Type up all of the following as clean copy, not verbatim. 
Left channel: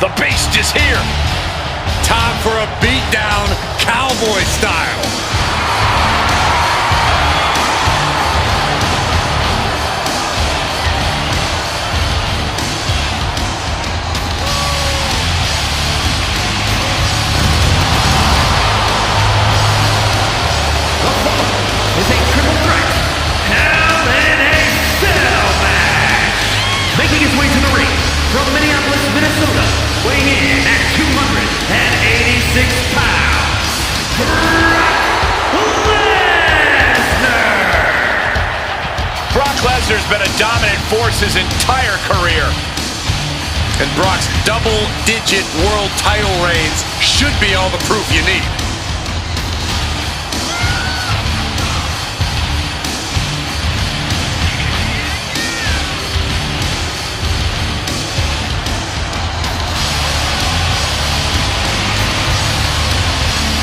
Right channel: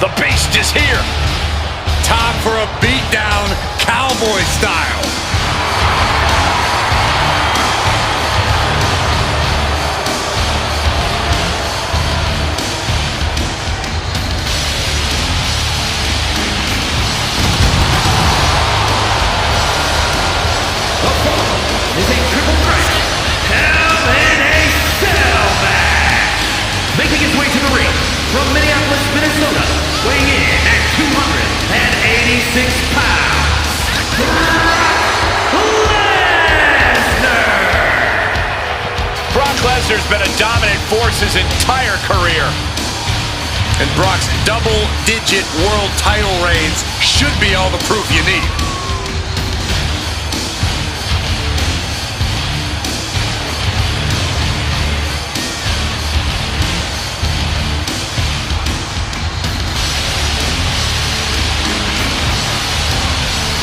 The Beast is here. Time for a beatdown, cowboy style. The following is a triple threat Hell in a Cell match. Making his way to the ring from Minneapolis, Minnesota, weighing in at 286 pounds, Brock Lesnar. Brock Lesnar's been a dominant force his entire career. And Brock's double-digit world title reigns should be all the proof you need.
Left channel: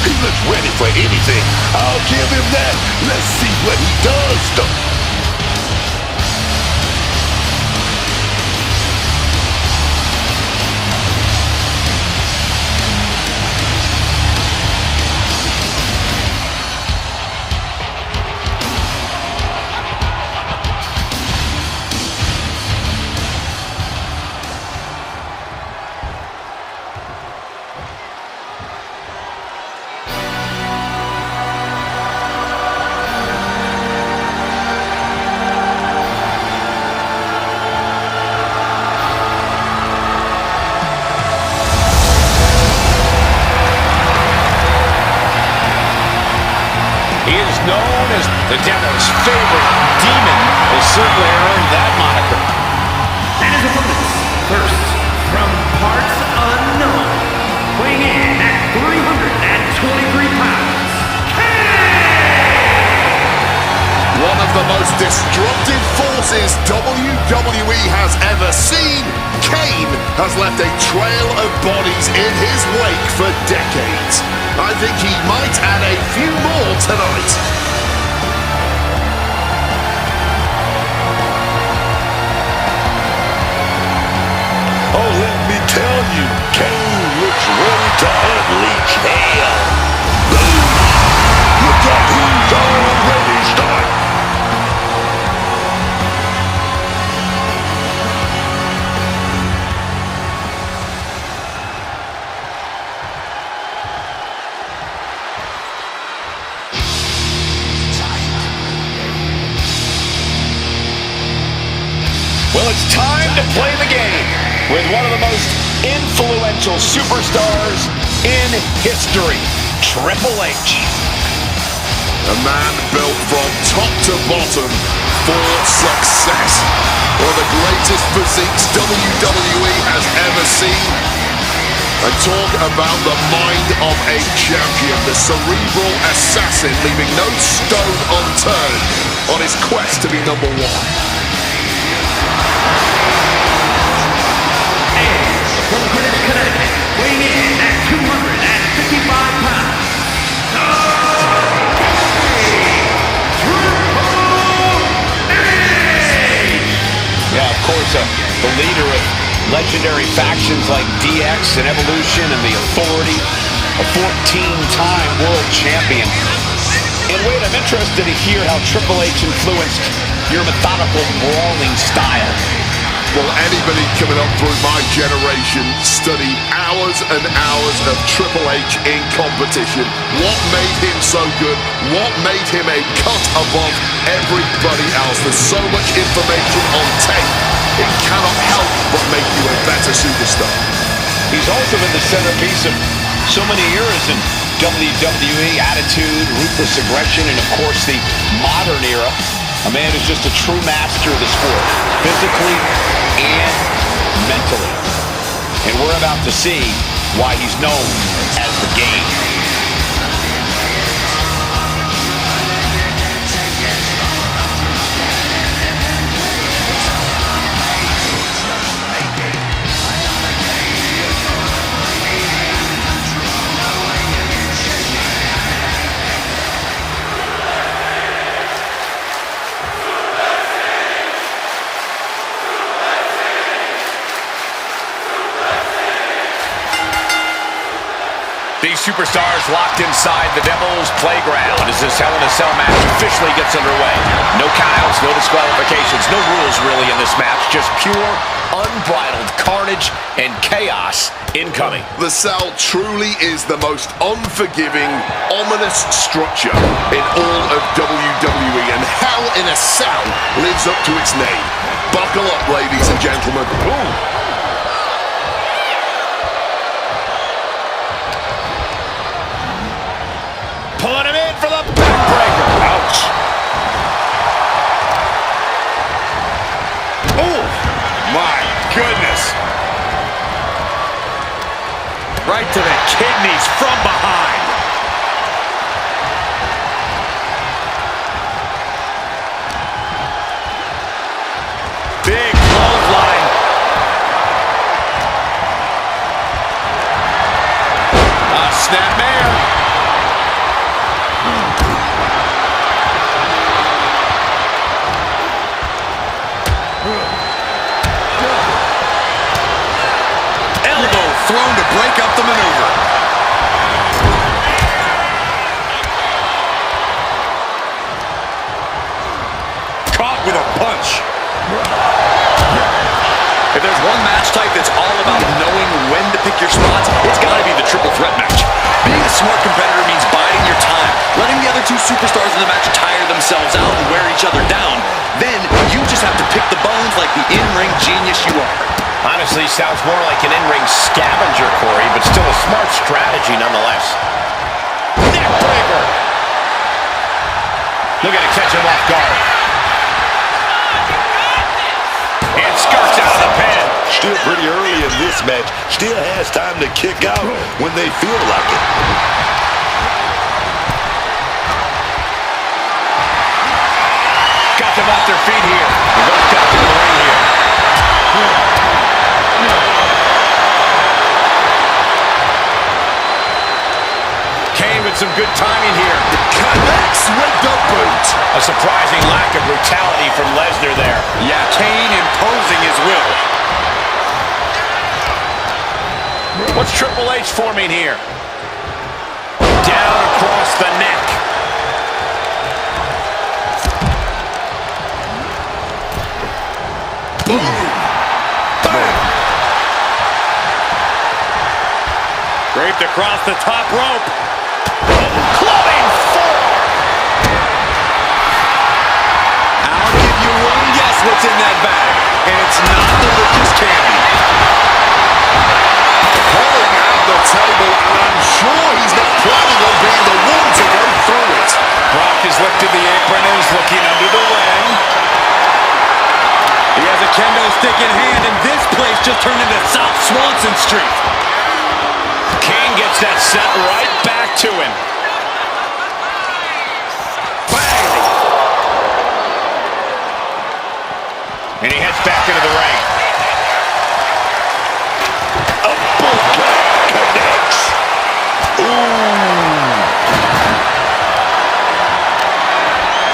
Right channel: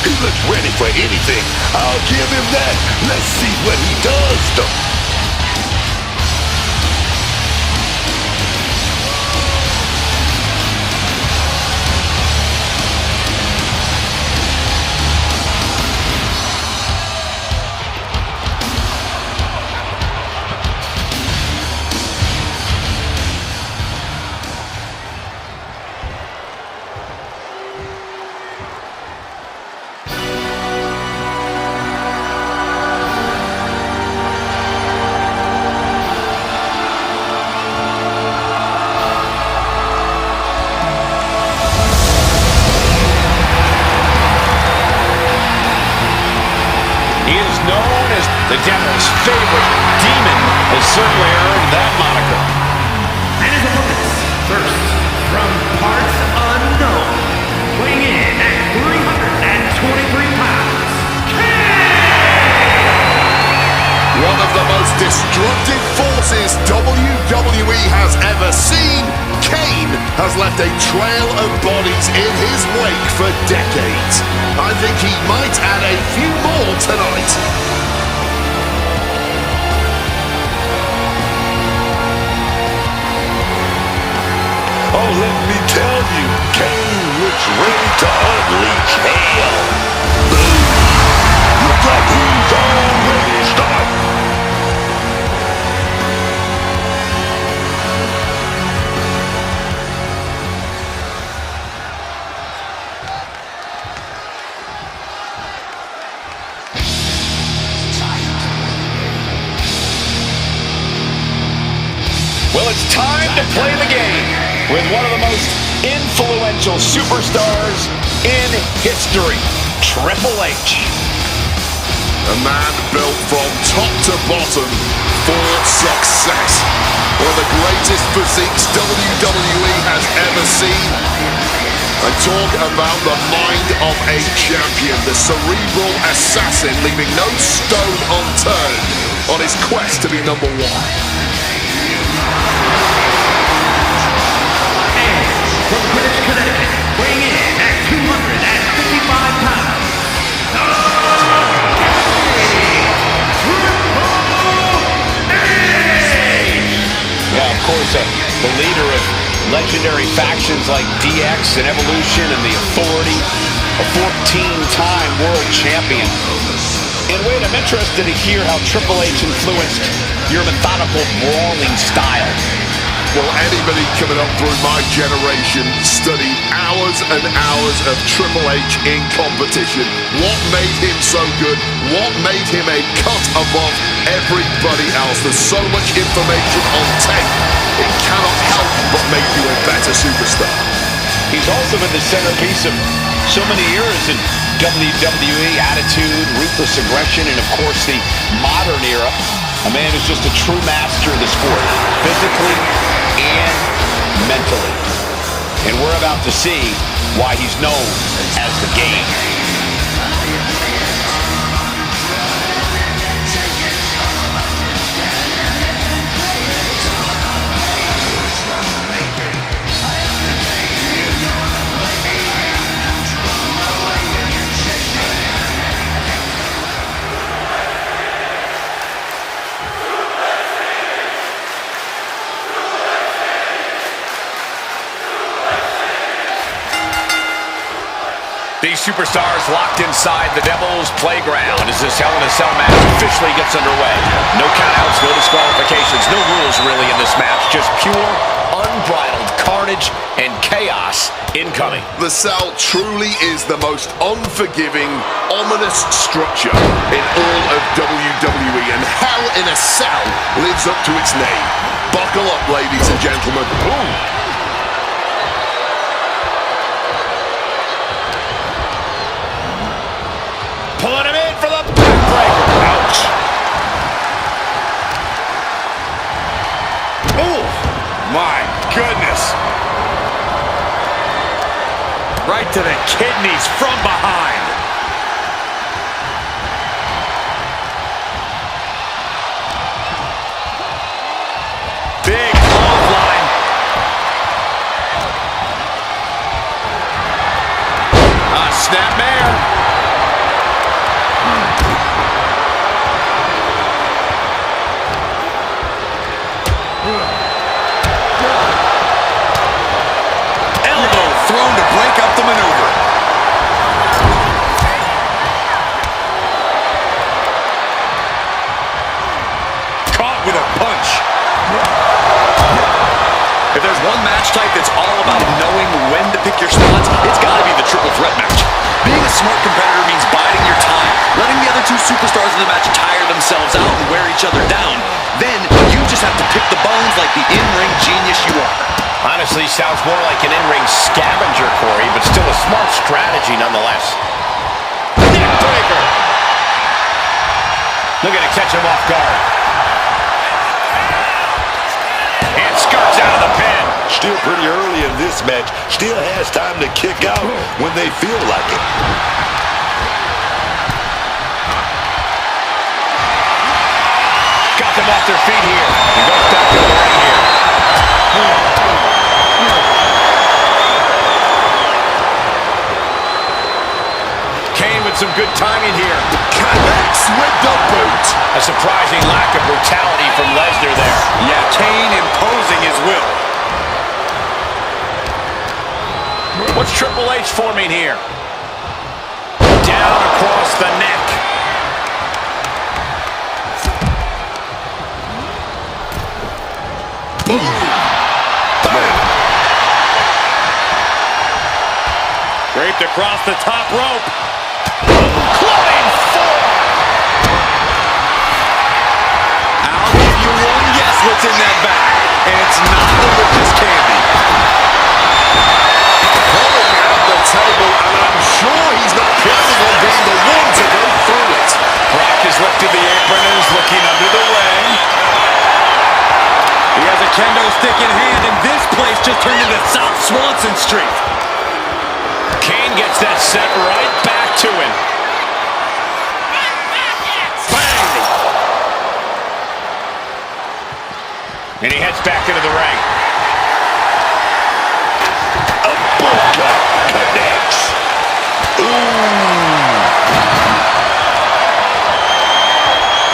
He looks ready for anything. I'll give him that. Let's see what he does, though. He is known as the Devil's favorite. Demon has certainly earned that moniker. And his opponents, first, from parts unknown, weighing in at 323 pounds, Kane! One of the most destructive forces WWE has ever seen, Kane has left a trail of bodies in his wake for decades. I think he might add a few more tonight. Oh, let me tell you, Kane looks ready to unleash hell. Boom! Looks like he's already started. Well, it's time to play the game with one of the most influential superstars in history, Triple H. A man built from top to bottom for success. One of the greatest physiques WWE has ever seen. And talk about the mind of a champion, the cerebral assassin, leaving no stone unturned on his quest to be number one. From Greenwich, Connecticut, weighing in at 255 pounds, Triple H! Yeah, of course, the leader of legendary factions like DX and Evolution and the Authority, a 14-time world champion. And wait, I'm interested to hear how Triple H influenced your methodical brawling style. Well, anybody coming up through my generation studied hours and hours of Triple H in competition. What made him so good? What made him a cut above everybody else? There's so much information on tape. It cannot help but make you a better superstar. He's also been the centerpiece of so many eras in WWE, attitude, ruthless aggression, and of course the modern era. A man who's just a true master of the sport, physically and mentally. And we're about to see why he's known as the Game. These superstars locked inside the Devil's Playground as this Hell in a Cell match officially gets underway. No countouts, no disqualifications, no rules really in this match. Just pure, unbridled carnage and chaos incoming. The cell truly is the most unforgiving, ominous structure in all of WWE, and Hell in a Cell lives up to its name. Buckle up, ladies and gentlemen. Ooh. Pulling him in for the backbreaker. Ouch. Oh, my goodness. Right to the kidneys from behind. Big clothesline. Snapmare. Elbow thrown to break up the maneuver. Caught with a punch. If there's one match type that's all about knowing when to pick your spots, it's got to be the triple threat match. Being a smart competitor means biding your time, letting the other two superstars in the match tire themselves out and wear each other down. Then you just have to pick the bones like the in-ring genius you are. Honestly, sounds more like an in-ring scavenger, Corey, but still a smart strategy nonetheless. Neckbreaker! Looking to catch him off guard. And skirts out of the pin. Still pretty early in this match. Still has time to kick out when they feel like it. Got them off their feet here. He goes back into the ring here. Kane with some good timing here. Connects with the boot. A surprising lack of brutality from Lesnar there. Yeah, Kane imposing his will. What's Triple H forming here? Down across the neck. Boom. Bam. Draped across the top rope. Clubbing forearm. I'll give you one guess what's in that bag, and it's not delicious candy. Pulling out the table, and I'm sure he's not planning on being the one to go through it. Brock has lifted the apron and is looking under the ring. He has a kendo stick in hand, and this place just turned into South Swanson Street. Kane gets that set right back to him. Bang! And he heads back into the ring. Uppercut connects. Ooh.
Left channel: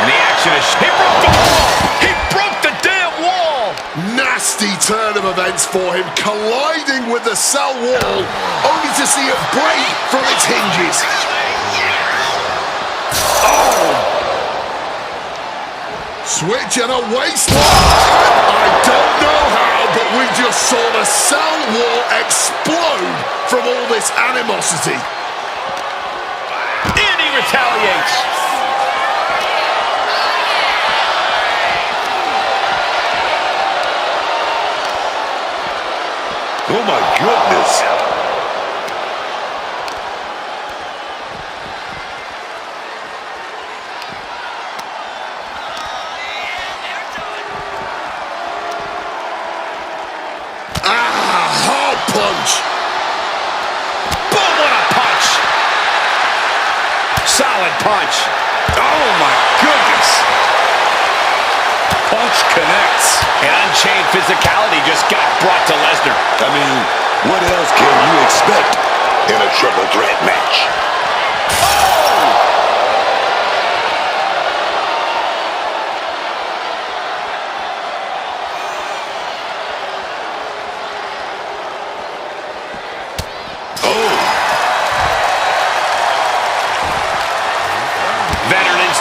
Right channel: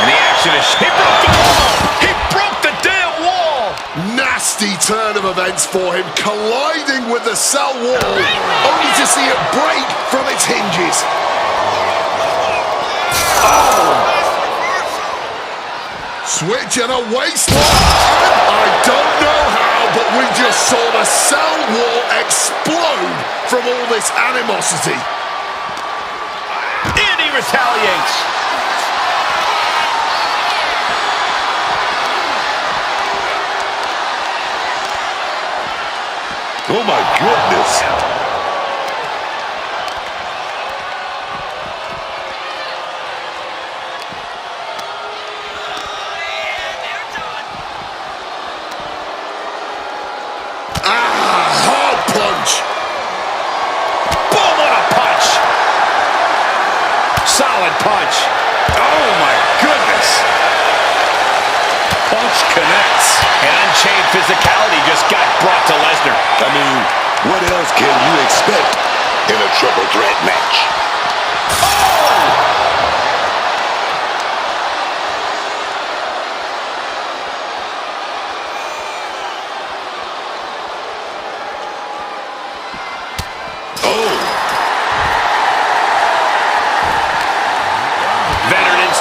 And the action is... He broke the wall! He broke the damn wall! Nasty turn of events for him, colliding with the cell wall, only to see it break from its hinges. Oh! Switch and a waistline. I don't know how, but we just saw the cell wall explode from all this animosity. And he retaliates. Oh my goodness. Hard punch. Boom, what a punch. Solid punch. Oh my goodness. Punch connects. And unchained physicality just got brought to Lesnar. I mean, what else can you expect in a triple threat match?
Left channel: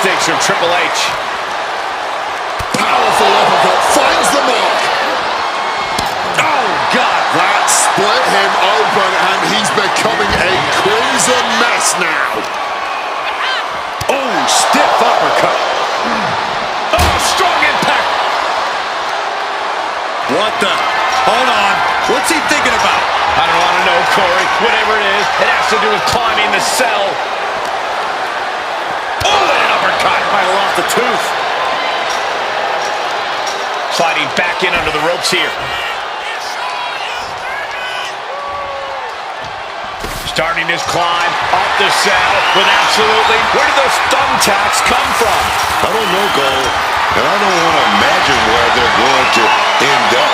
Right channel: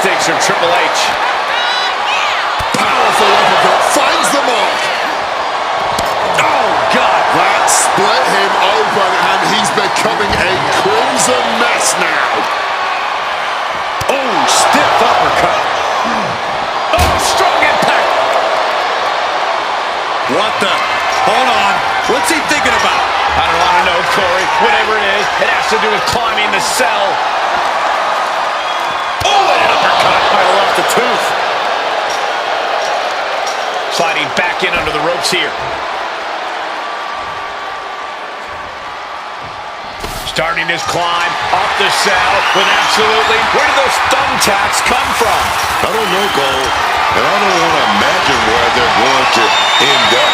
instincts from Triple H. Powerful uppercut finds the mark. Oh, God. That split him open, and he's becoming a crimson mess now. Oh, stiff uppercut. Oh, strong impact. What the? Hold on. What's he thinking about? I don't want to know, Corey. Whatever it is, it has to do with climbing the cell. Oh, and an uppercut. Might have lost a tooth. Sliding back in under the ropes here. Starting his climb up the cell with absolutely... Where did those thumbtacks come from? I don't know, Cole, and I don't want to imagine where they're going to end up.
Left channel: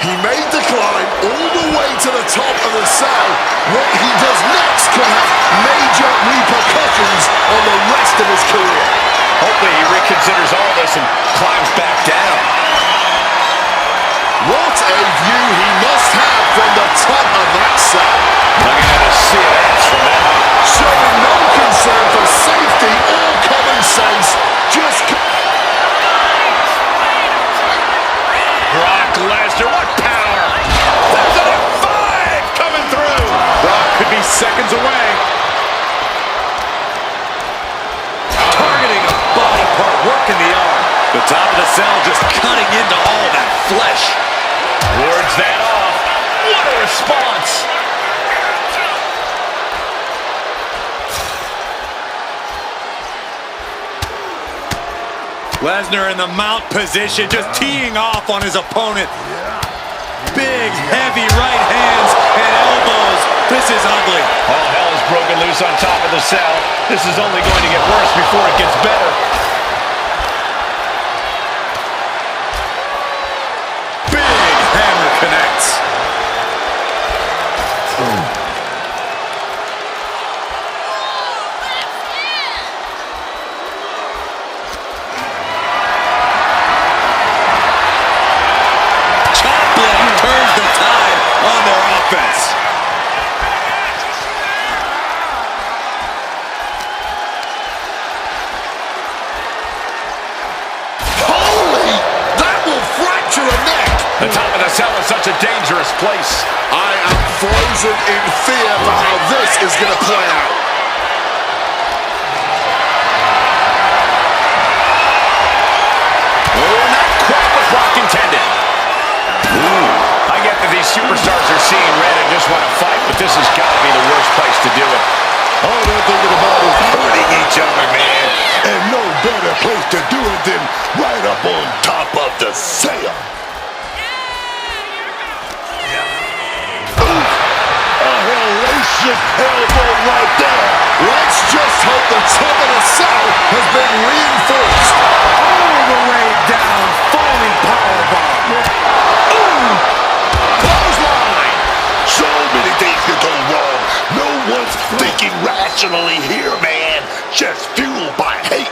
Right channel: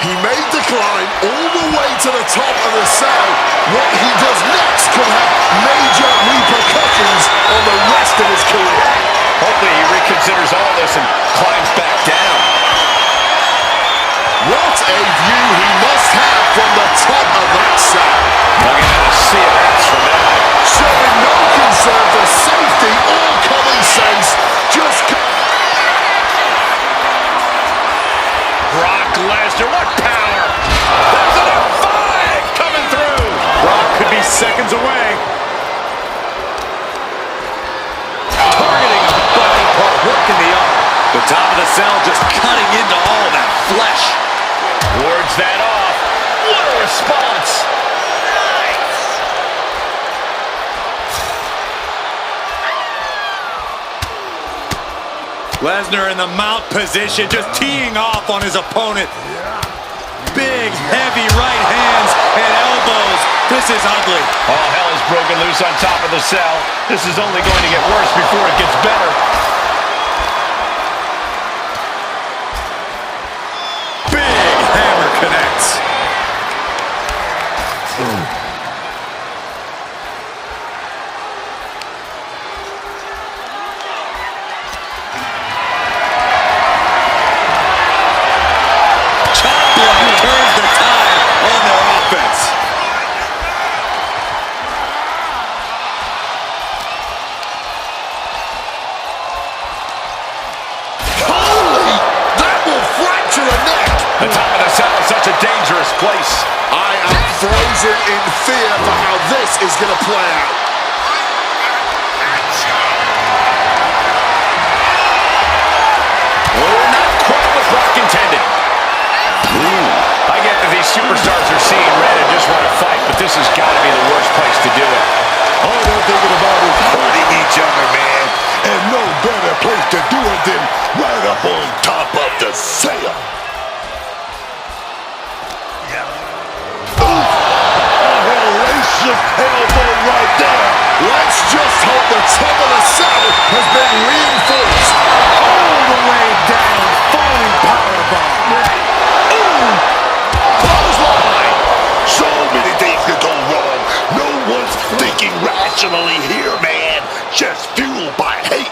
He made the climb all the way to the top of the cell. What he does next could have major repercussions on the rest of his career. Hopefully he reconsiders all this and climbs back down. What a view he must have from the top of that cell. Looking at a sea of ants from that height. Showing no concern for safety or common sense. Just... Brock Lesnar, what power! There's an F5 coming through! Brock could be seconds away. Targeting a body part, working the arm. The top of the cell just cutting into all that flesh. Wards that off. What a response! Lesnar in the mount position, just teeing off on his opponent. Big, heavy right hands and elbows. This is ugly. All hell is broken loose on top of the cell. This is only going to get worse before it gets better. Big hammer connects. Turns the tide on their offense. Holy! That will fracture a neck! The top of the cell is such a dangerous place. I am frozen in fear for how this is going to play out. Oh, not quite what Brock intended. I get that these superstars are seeing red and just want to fight, but this has got to be the worst place to do it. All they're thinking about is hurting each other, man. And no better place to do it than right up on top of the cell. A hellacious elbow right there. Let's just hope the top of the cell has been reinforced. All the way down, falling powerbomb. Clothesline. So many things could go wrong. No one's thinking rationally here, man. Just fueled by hate.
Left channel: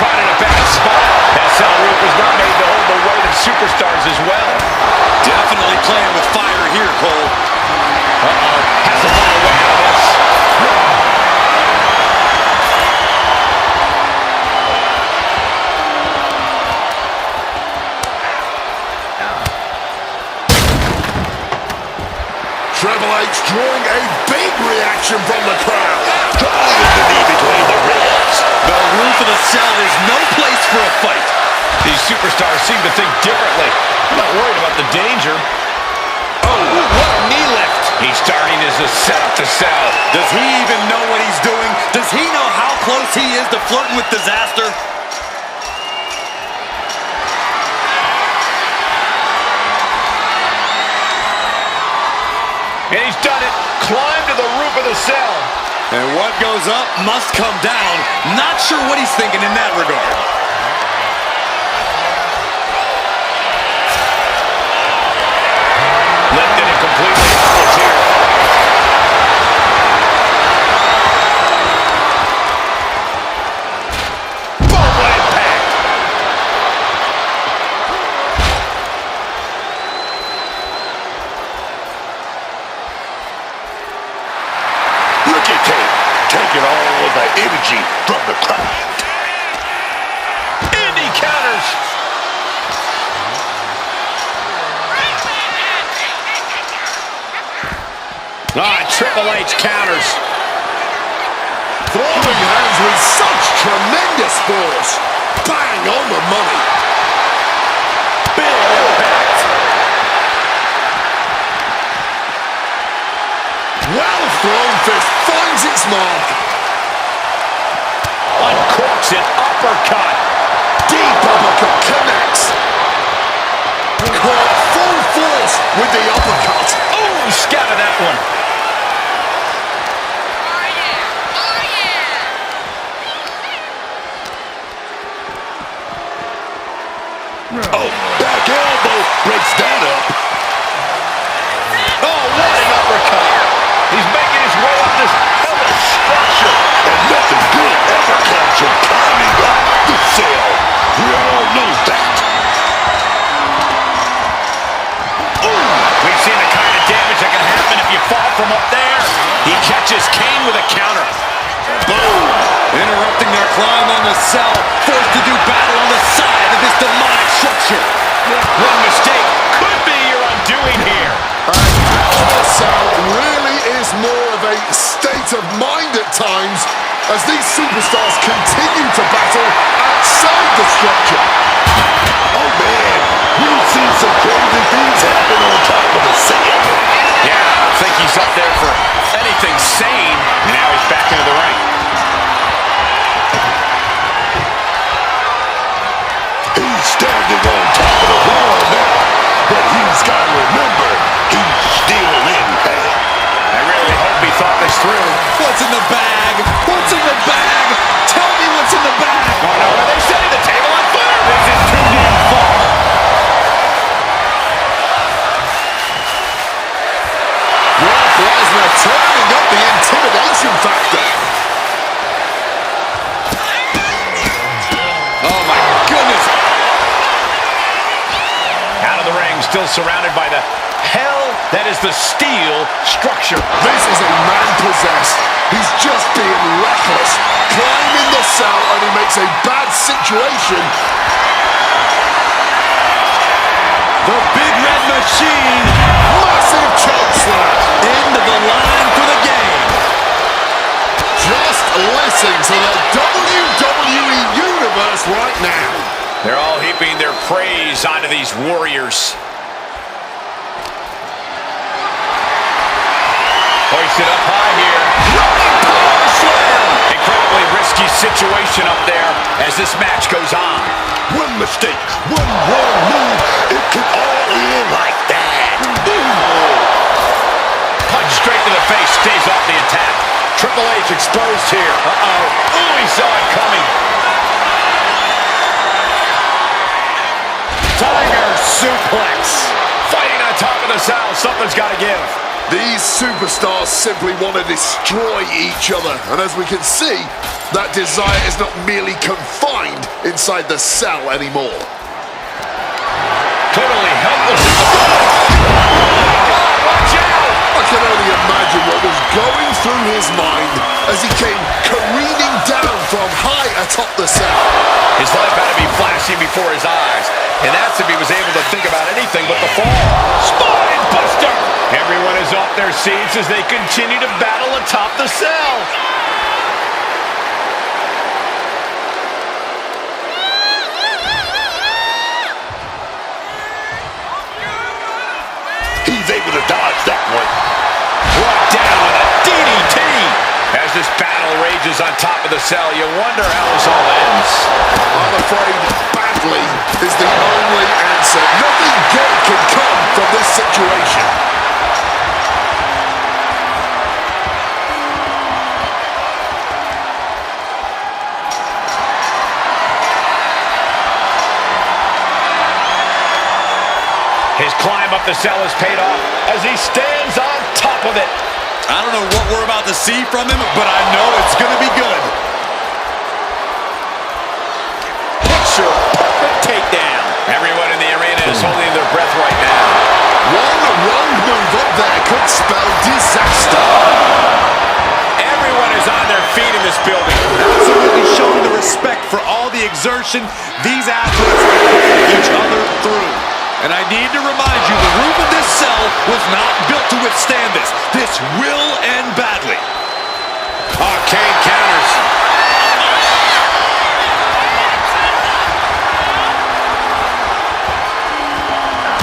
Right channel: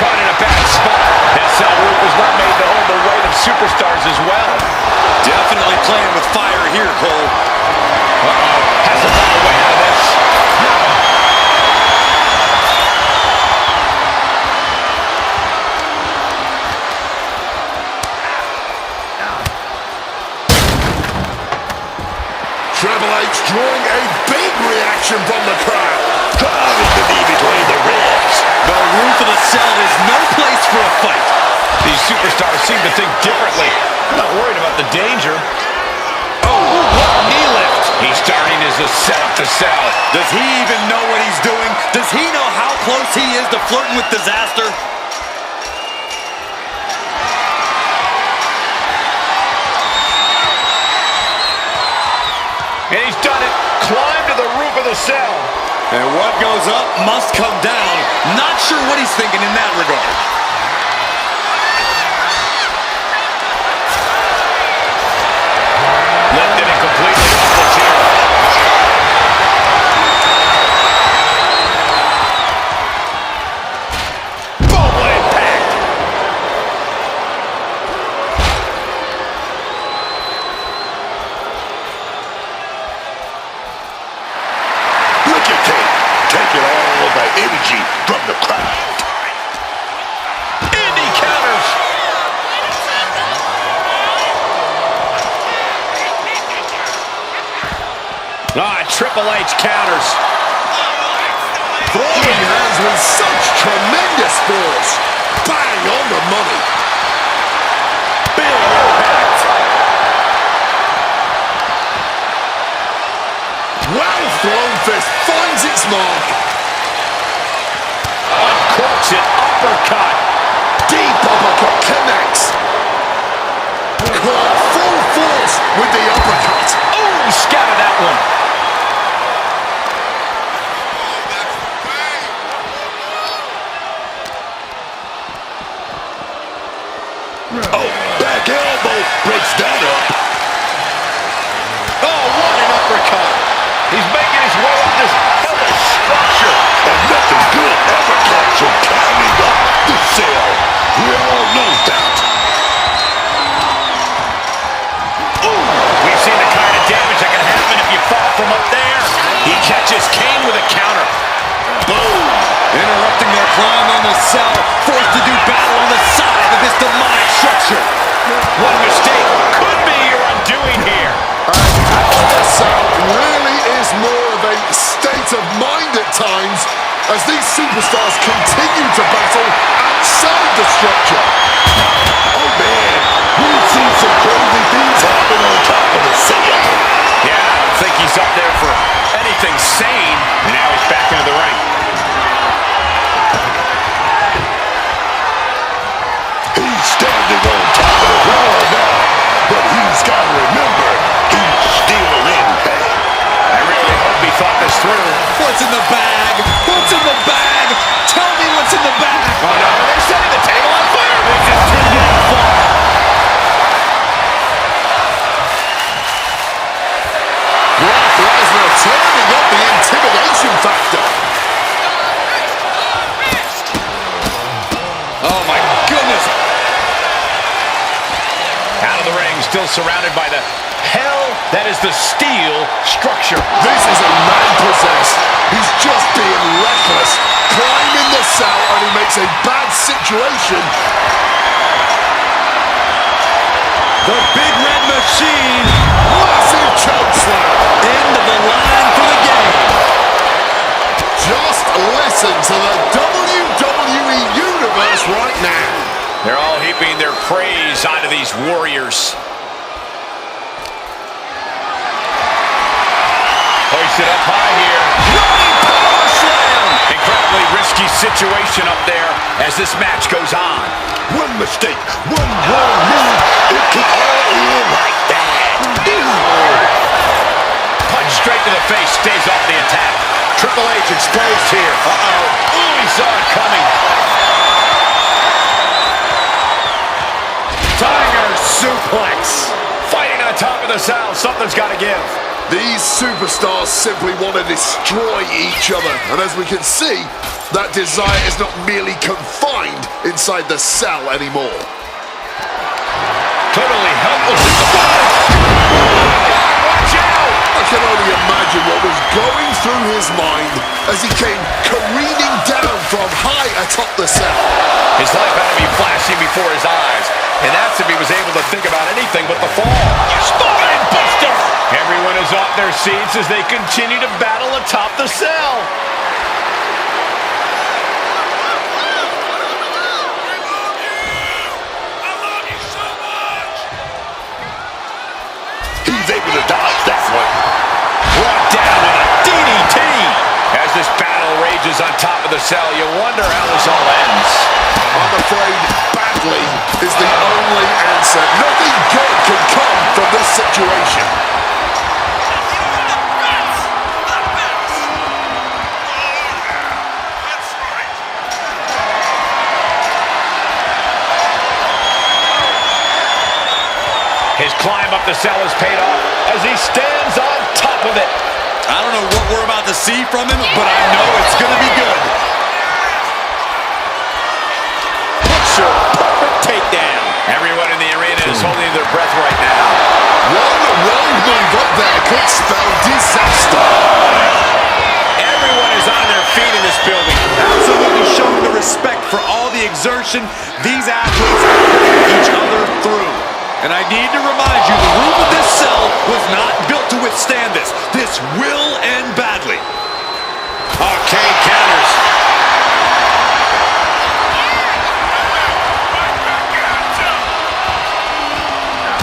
Caught in a bad spot. SL Root was not made to hold the weight of superstars as well. Definitely playing with fire here, Cole. Uh-oh. Has to find a way out of this. Triple H drawing a big reaction from the crowd. Driving the knee between the ribs. The roof of the cell is no place for a fight. These superstars seem to think differently. I'm not worried about the danger. Oh, what a knee lift. He's starting as a set up the cell. Does he even know what he's doing? Does he know how close he is to flirting with disaster? And he's done it. Climbed to the roof of the cell. And what goes up must come down. Not sure what he's thinking in that regard. energy from the crowd. And he counters. Triple H counters. Throwing hands with such tremendous force. Bang on the money. Big impact. Well thrown fist finds its mark. Uncorks it, uppercut. Deep uppercut connects. Caught full force with the uppercut. Oh, scattered that one. Oh, back elbow breaks that up. Oh, what an uppercut. He's making his way up this hellish structure. And nothing good ever comes from climbing up the cell. We all know that. Ooh, we've seen the kind of damage that can happen if you fall from up there. He catches Kane with a counter. Boom! Interrupting their climb on the cell, forced to do battle on the side of this demonic structure. One mistake could be your undoing here. And Hell in a Cell really is more of a state of mind at times as these superstars continue to battle outside the structure. Oh man, we've seen some crazy things happen on top of the cell. Yeah, I don't think he's up there for anything sane. And now he's back into the ring. He's standing on top of the wall now, but he's got to remember, he's still in pain. I really hope he thought this through. What's in the bag? What's in the bag? Tell me what's in the bag. Oh no, are they setting the table on fire? This is too damn far. Brock Lesnar turning up the intimidation factor. Oh my goodness. Out of the ring, still surrounded by the hell that is the steel structure. This is a man possessed. He's just being reckless. Climbing the cell and he makes a bad situation. The Big Red Machine. Massive choke slam. End of the line for the game. Just listen to the WWE Universe right now. They're all heaping their praise onto these warriors. Hoisted up high here. Running power slam. Incredibly risky situation up there as this match goes on. One mistake, one wrong move, it could all end like that. Punch straight to the face, stays off the attack. Triple H exposed here. Uh-oh. Ooh, he saw it coming. Tiger suplex. Fighting on top of the cell. Something's got to give. These superstars simply want to destroy each other. And as we can see, that desire is not merely confined inside the cell anymore. Totally helpless in the ball. Oh my God, watch out! I can only imagine what was going through his mind as he came careening down from high atop the cell. His life had to be flashing before his eyes. And that's if he was able to think about anything but the fall. Spine buster! Everyone is off their seats as they continue to battle atop the cell. He's able to dodge that one. Brought down with a DDT. As this battle rages on top of the cell, you wonder how this all ends. I'm afraid badly is the only answer. Nothing good can come from this situation. His climb up the cell has paid off as he stands on top of it. I don't know what we're about to see from him, but I know it's going to be good. Picture perfect takedown. Everyone in the arena is holding their breath right now. One wrong move up there could spell disaster. Everyone is on their feet in this building. Absolutely showing the respect for all the exertion these athletes are putting each other through. And I need to remind you, the roof of this cell was not built to withstand this. This will end badly. Oh, Kane counters.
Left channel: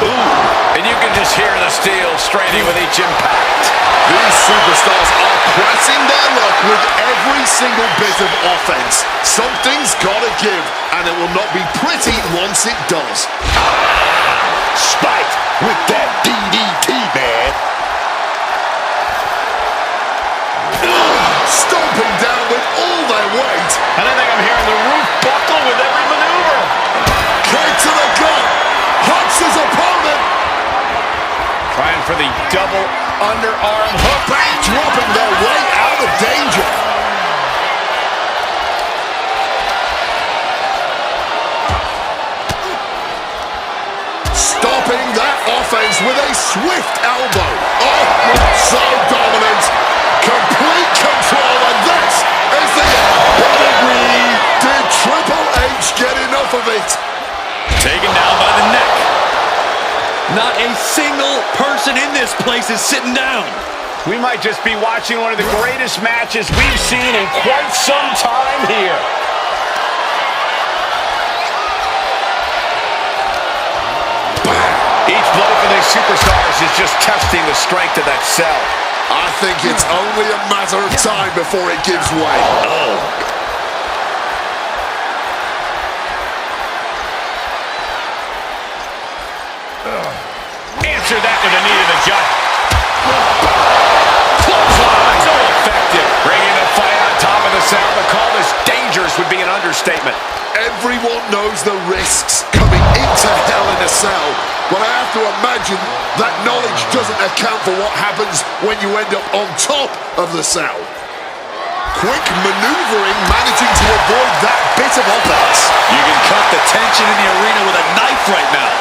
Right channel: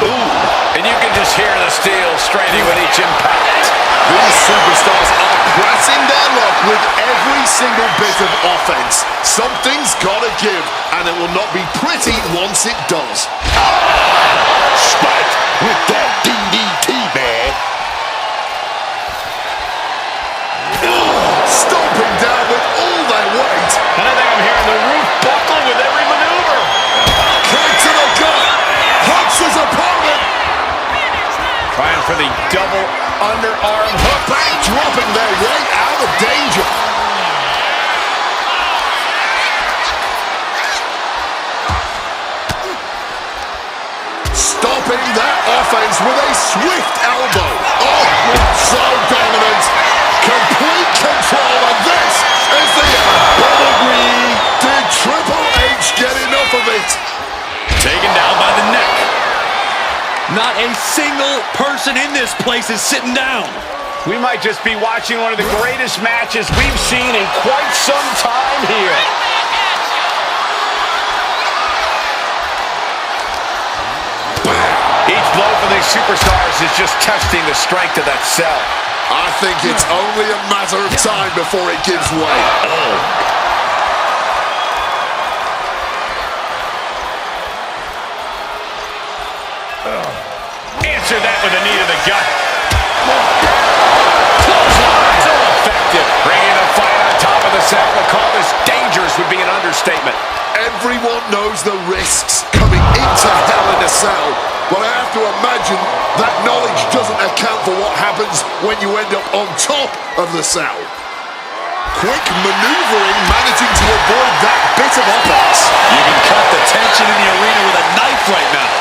Ooh, and you can just hear the steel straining with each impact. These superstars are pressing their luck with every single bit of offense. Something's gotta give, and it will not be pretty once it does. Spiked with that DDT, man. Stomping down with all their weight. And I think I'm hearing the roof buckle with every maneuver. Kick to the gut. Hooks his opponent. Trying for the double underarm hook. Dropping their way out of danger. Stopping that offense with a swift elbow. Oh, so dominant. Complete control, and this is the end. Pedigree. Did Triple H get enough of it? Taken down by the neck. Not a single person in this place is sitting down. We might just be watching one of the greatest matches we've seen in quite some time here. Each blow for these superstars is just testing the strength of that cell. I think it's only a matter of time before it gives way. Answer that with a knee to the gut. Clothesline, so effective. Bringing the fight on top of the cell, but call this dangerous would be an understatement. Everyone knows the risks coming into Hell in a Cell, but I have to imagine that knowledge doesn't account for what happens when you end up on top of the cell. Quick maneuvering, managing to avoid that bit of offense. You can cut the tension in the arena with a knife right now.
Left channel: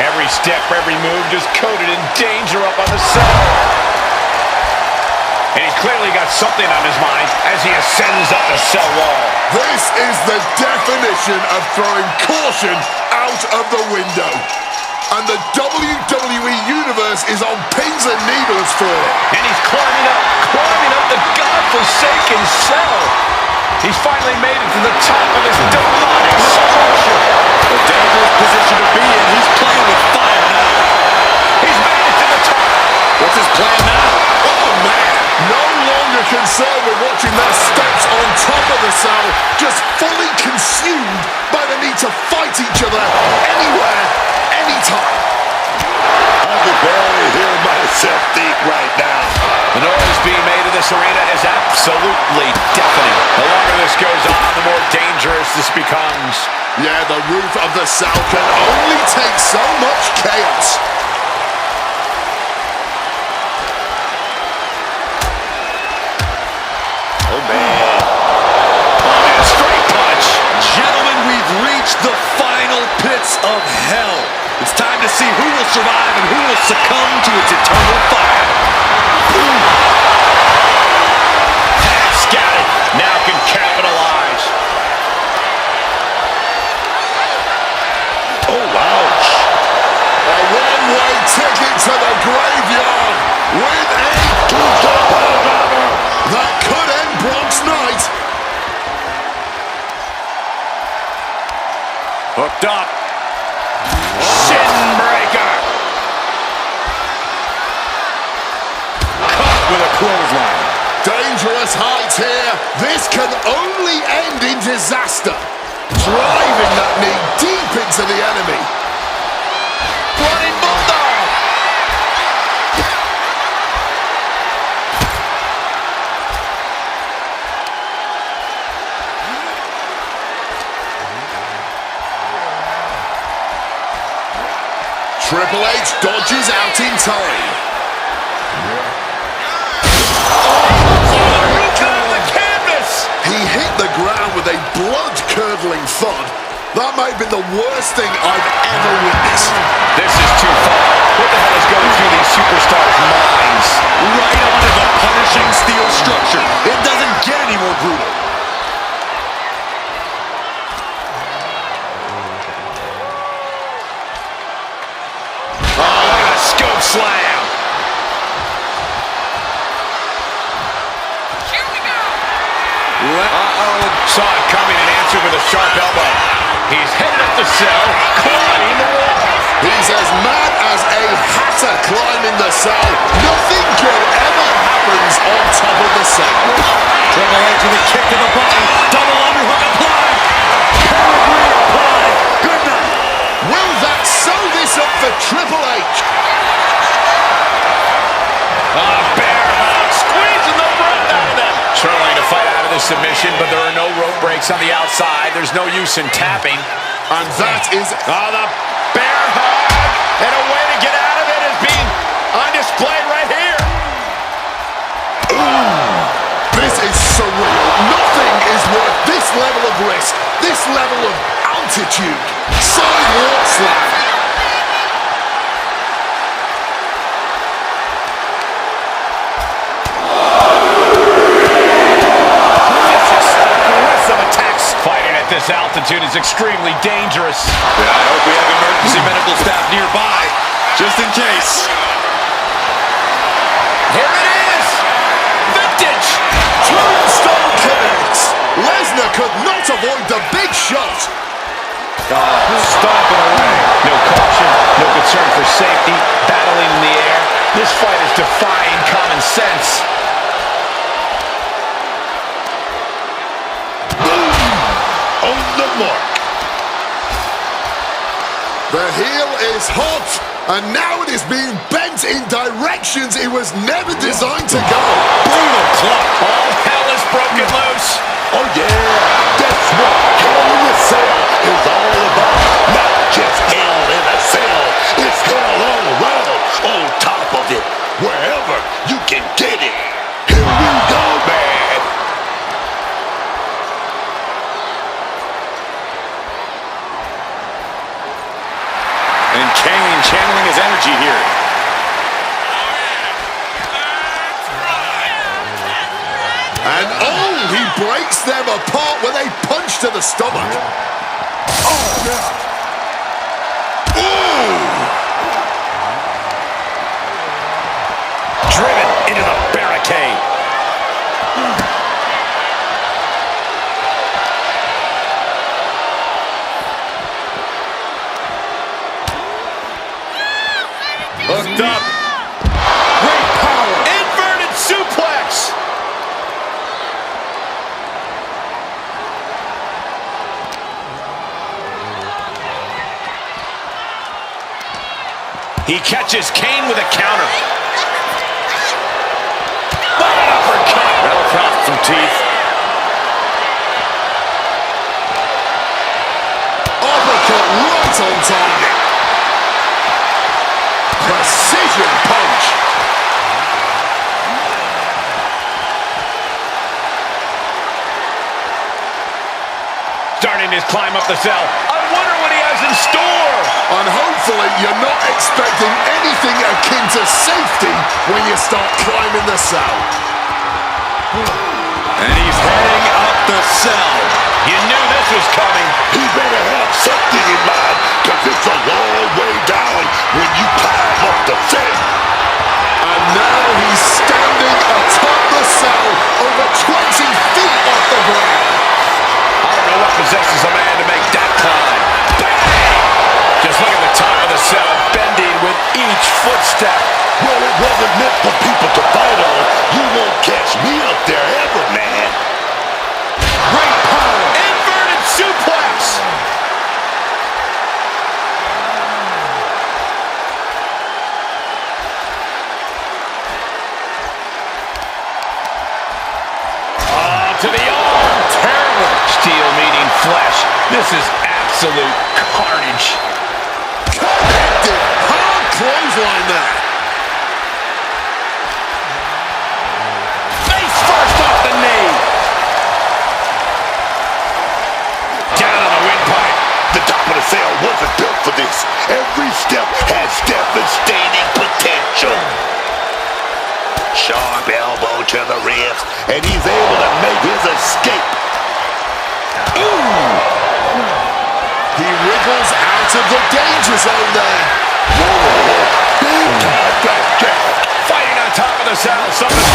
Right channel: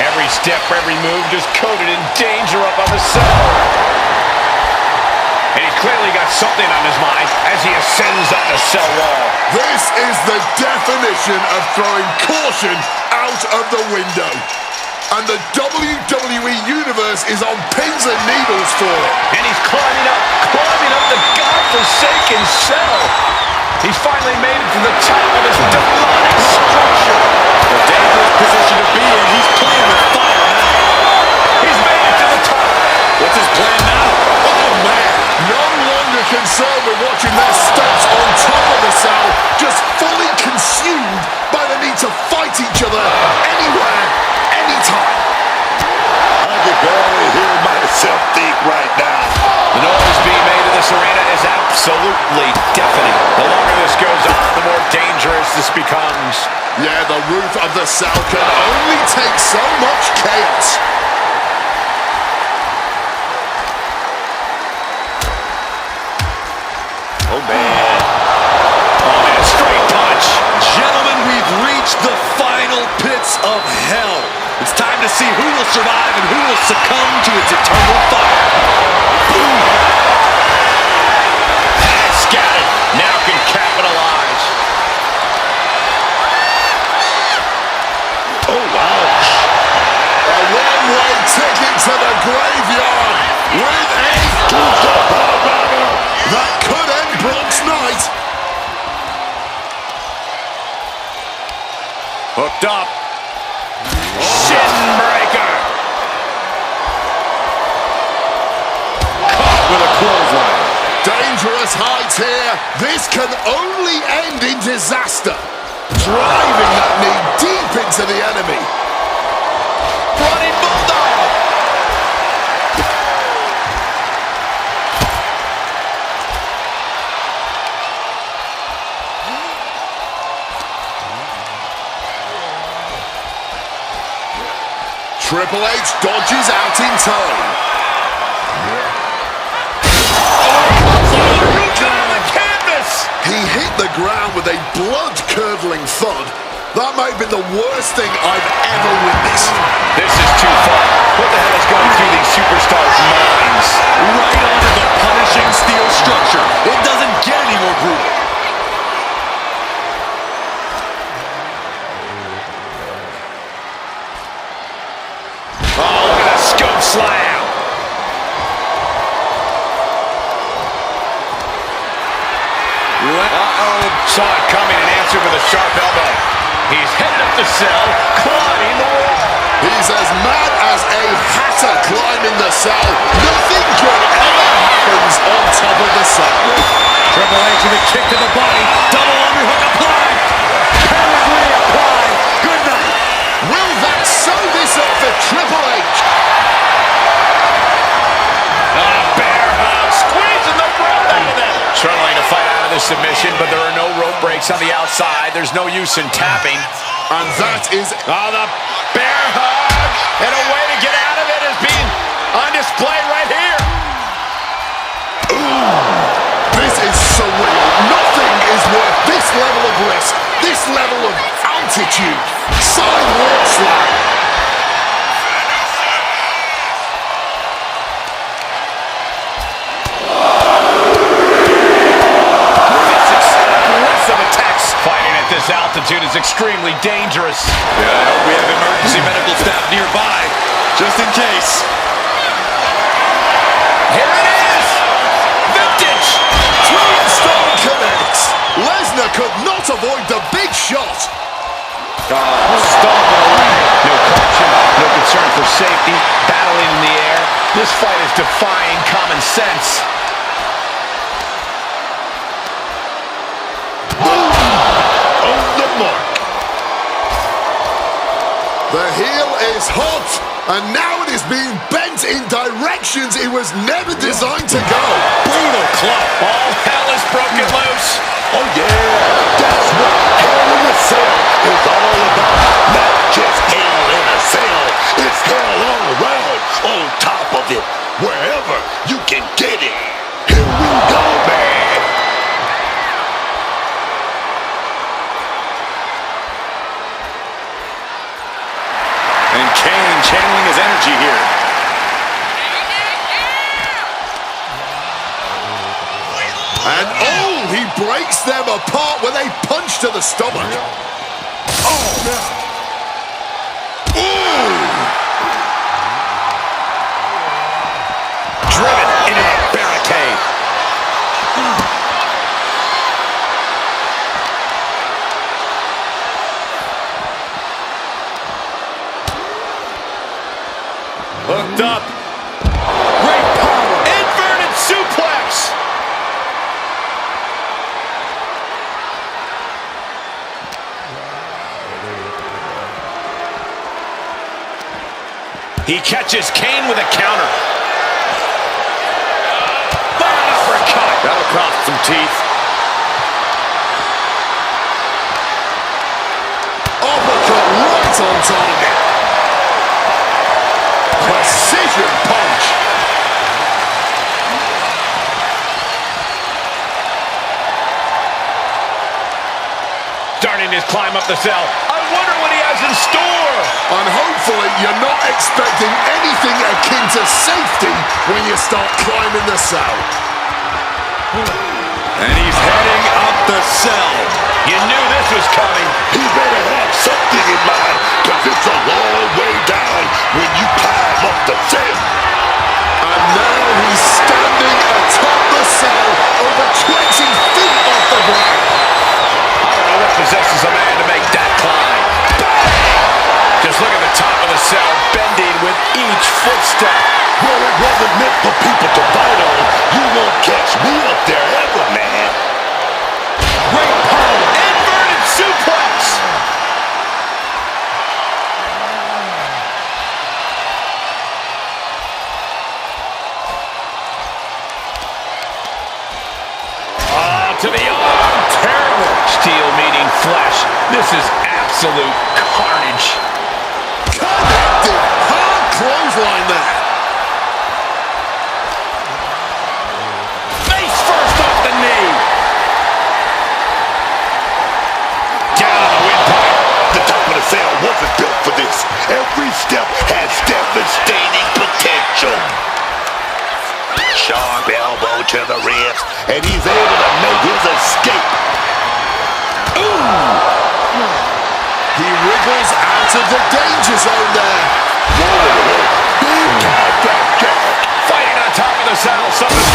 Every step, every move just coated in danger up on the cell. And he's clearly got something on his mind as he ascends up the cell wall. This is the definition of throwing caution out of the window. And the WWE Universe is on pins and needles for it. And he's climbing up the godforsaken cell. He's finally made it to the top of this demonic structure. A dangerous position to be in. He's playing with fire now. He's made it to the top. What's his plan now? Oh, man. No longer concerned with watching their steps on top of the cell, just fully consumed by the need to fight each other anywhere, anytime. I can barely hear myself think right now. The noise being made in this arena is absolutely deafening. The longer this goes on, the more dangerous this becomes. Yeah, the roof of the cell can only take so much chaos. Oh, man. Oh, man, a straight punch. Gentlemen, we've reached the final pits of hell. It's time to see who will survive and who will succumb to its eternal fire. And scattered. Now can capitalize. Oh, ouch. A one-way ticket to the graveyard with a tombstone powerbomber that could end Brock's night. Hooked up. Shin breaker. Caught with a clothesline. Dangerous heights here. This can only end in disaster. Driving that knee deep into the enemy. Running bulldog. Triple H dodges out in time. He hit the ground with a blood-curdling thud. That might have been the worst thing I've ever witnessed. This is too far. What the hell is going through these superstars' minds? Right onto the punishing steel structure. It doesn't get any more brutal. Oh, look at that scope slam. Uh-oh. Saw it coming and answered with a sharp elbow. He's headed up the cell, climbing the wall. He's as mad as a hatter climbing the cell. Nothing good ever happens on top of the cell. Triple H with a kick to the body. Double underhook applied. Pedigree applied. Good night. Will that sew this up for Triple H? Bear hug, squeezing the breath out of them. Struggling to fight out of this submission, but there are no rope breaks on the outside. There's no use in tapping. And that is... The bear hug, and a way to get out of it is being on display right here. This is surreal. Nothing is worth this level of risk, this level of altitude. Sidewalk slam. Fighting at this altitude is extremely dangerous. Yeah, I hope we have emergency medical staff nearby, just in case. Here it is! Vintage! Tombstone connects. Lesnar could not avoid the big shot. Stomping away. No caution, no concern for safety, battling in the air. This fight is defying common sense. On the mark. The heel is hot, and now it is being bent in directions it was never designed to go. Brutal club. All hell is broken loose. Oh yeah, that's what Hell in a Cell is all about. Not just hell in a cell, it's hell all around, on top of it, wherever you can get it. Here we go, man. And Kane channeling his energy here. And he breaks them apart with a punch to the stomach. Driven into the barricade. Hooked up. Great power. Inverted suplex. He catches Kane with a counter. But an uppercut. That'll cross some teeth. Uppercut right on target. Precision punch. Starting his climb up the cell. I wonder what he has in store. And hopefully you're not expecting anything akin to safety when you start climbing the cell. And he's heading up the cell. You knew this was coming. He better have something in mind, because it's a long way down when you climb up the cell. And now he's standing atop the cell over 20 feet off the ground. I don't know what possesses a man to make that climb. Bang! Just look at the top of the cell, bending with each footstep. Well, it wasn't meant for people to fight on. You won't catch me up there ever, man. Great power. Inverted suplex. To the arm. Terrible. Steel meeting flesh. This is absolute carnage. Connected. Hard clothesline there. Face first off the knee. Down on the windpipe. The top of the cell wasn't built for this. this. Every step has devastating potential. Sharp elbow to the ribs, and he's able to make his escape. Ooh! He wriggles out of the danger zone there. Whoa. Big time blackjack. Fighting on top of the saddle. Something's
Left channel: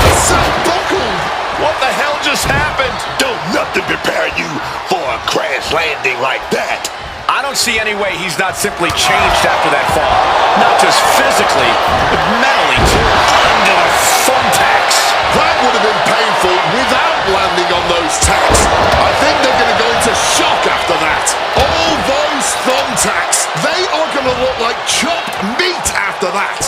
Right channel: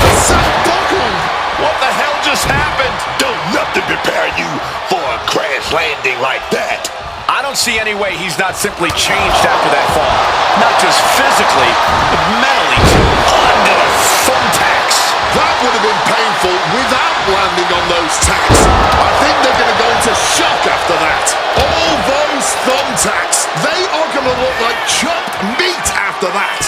The saddle buckled. What the hell just happened? Don't nothing prepare you for a crash landing like that. I don't see any way he's not simply changed after that fall. Not just physically, but mentally too. Under the thumbtacks. That would have been painful without landing on those tacks. I think they're going to go into shock after that. All those thumbtacks, they are going to look like chopped meat after that.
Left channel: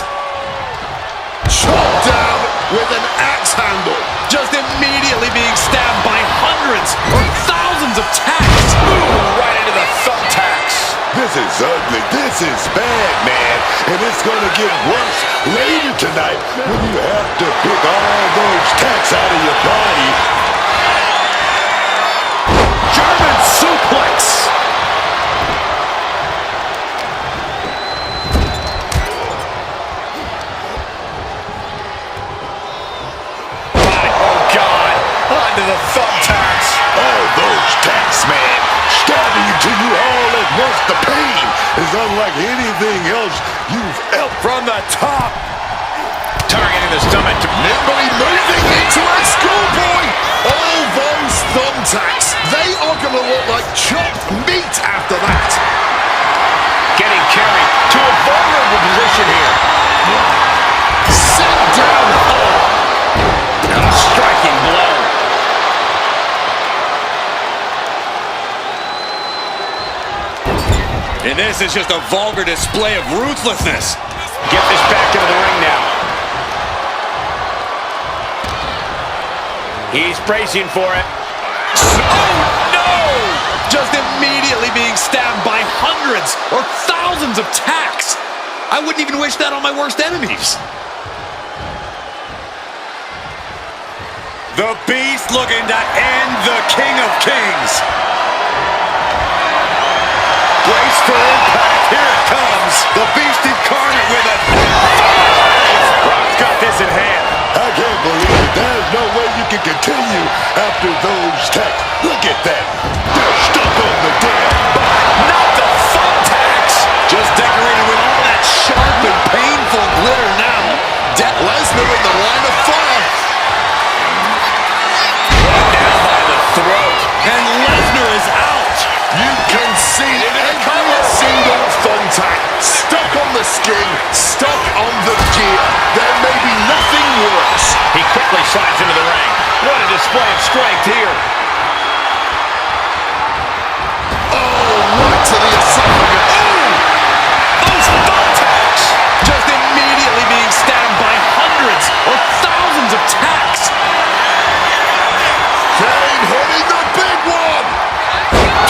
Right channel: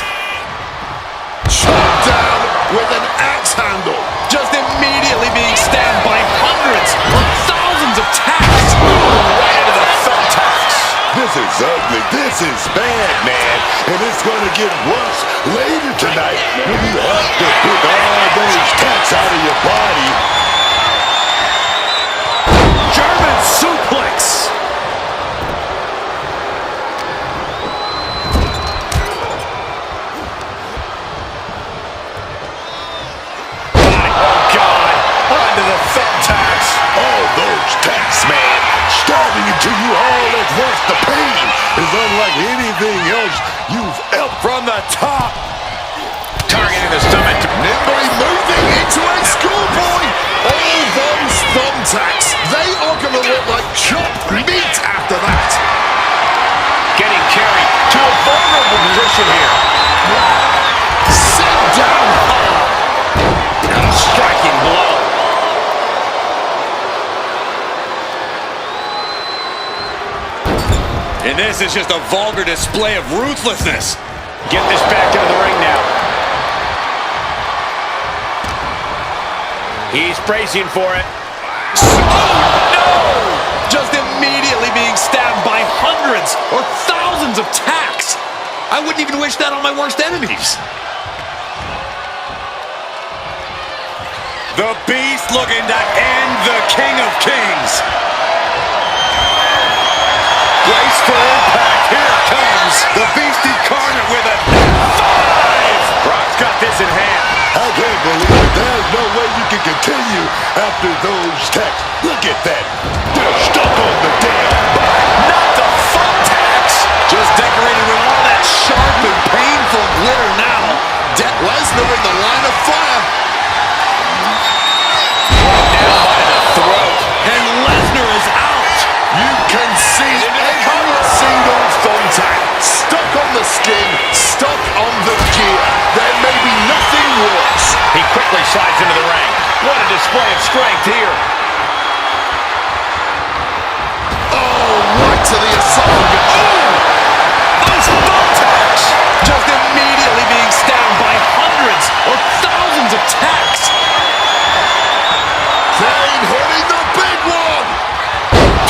Chopped down with an axe handle. Just immediately being stabbed by hundreds or thousands of tacks. Ooh, right into the thumbtacks. This is ugly. This is bad, man. And it's going to get worse later tonight when you have to pick all those tacks out of your body. German suplex. Oh, God. Onto the thumbtacks. All those tacks, man, stabbing into you all at once. The pain is unlike anything else you've ever. From the top. Targeting the stomach. Nimbly moving into a schoolboy. All those thumbtacks, they are going to look like chopped meat after that. Getting carried to a vulnerable position here. Sent down hard. And a striking blow. And this is just a vulgar display of ruthlessness. Get this back into the ring now. He's bracing for it. Oh, no! Just immediately being stabbed by hundreds or thousands of tacks. I wouldn't even wish that on my worst enemies. The Beast looking to end the King of Kings. Brace for impact. Here it comes. The Beast Incarnate with a 5. Brock's got this in hand. I can't believe it. There's no way you can continue after those tacks. Look at that. They're stuck on the damn body. Not the thumbtacks. Just decorated with all that sharp and painful glitter now. Lesnar in the line of fire. Right down by the throat. And Lesnar is out. You can see every single thumbtack stuck on the skin, stuck on the gear. There may be nothing worse. He quickly slides into the ring. What a display of strength here. Oh, right to the esophagus. Ooh! Those thumbtacks! Just immediately being stabbed by hundreds or thousands of tacks. Kane hitting the big one.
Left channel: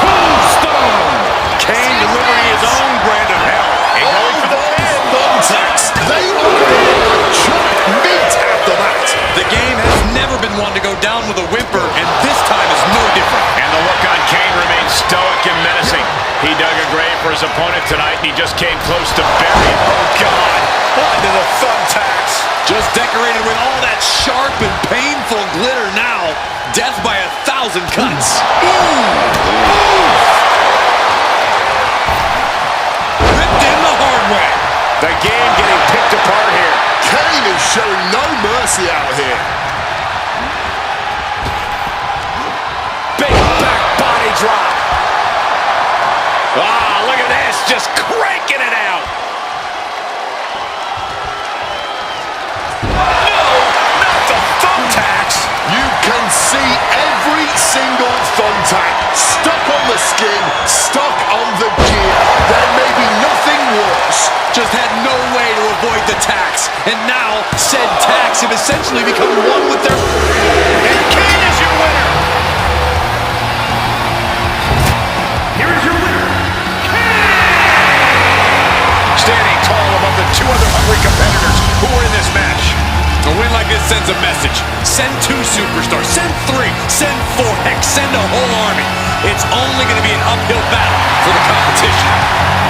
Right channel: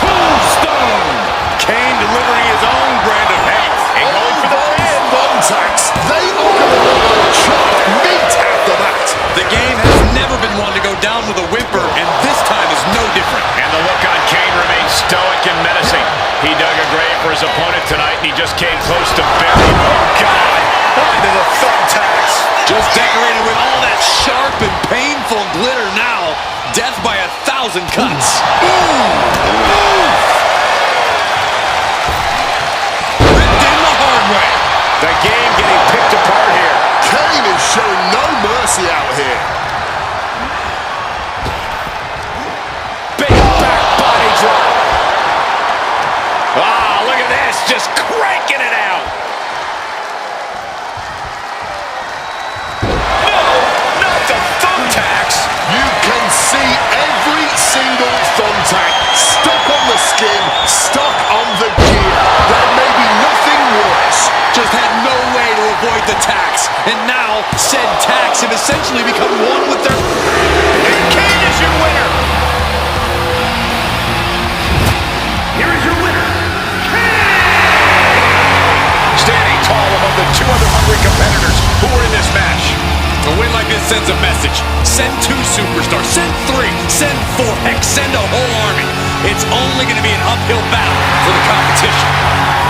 Tombstone. Kane delivering his own brand of hell. And going for the pin. Thumbtacks, they are going to look like chopped meat after that. The game has never been one to go down with a whimper, and this time is no different. And the look on Kane remains stoic and menacing. He dug a grave for his opponent tonight, and he just came close to burying. Oh, God! Onto the thumbtacks. Just decorated with all that sharp and painful glitter now. Death by 1,000 cuts. Ripped in the hard way. The game getting picked apart here. Kane is showing no mercy out here. Big back body drop. Ah, look at this. Just cranking it out. No, not the thumbtacks. You can see every single thumbtack stuck on the skin, stuck on the gear. There may be nothing worse. Just had no way to avoid the tacks. And now, said tacks have essentially become one with their... And Kane is your winner. Here is your winner, Kane! Standing tall above the two other hungry competitors who were in this match. A win like this sends a message. Send 2 superstars. Send 3. Send 4. Heck, send a whole army. it's only going to be an uphill battle for the competition.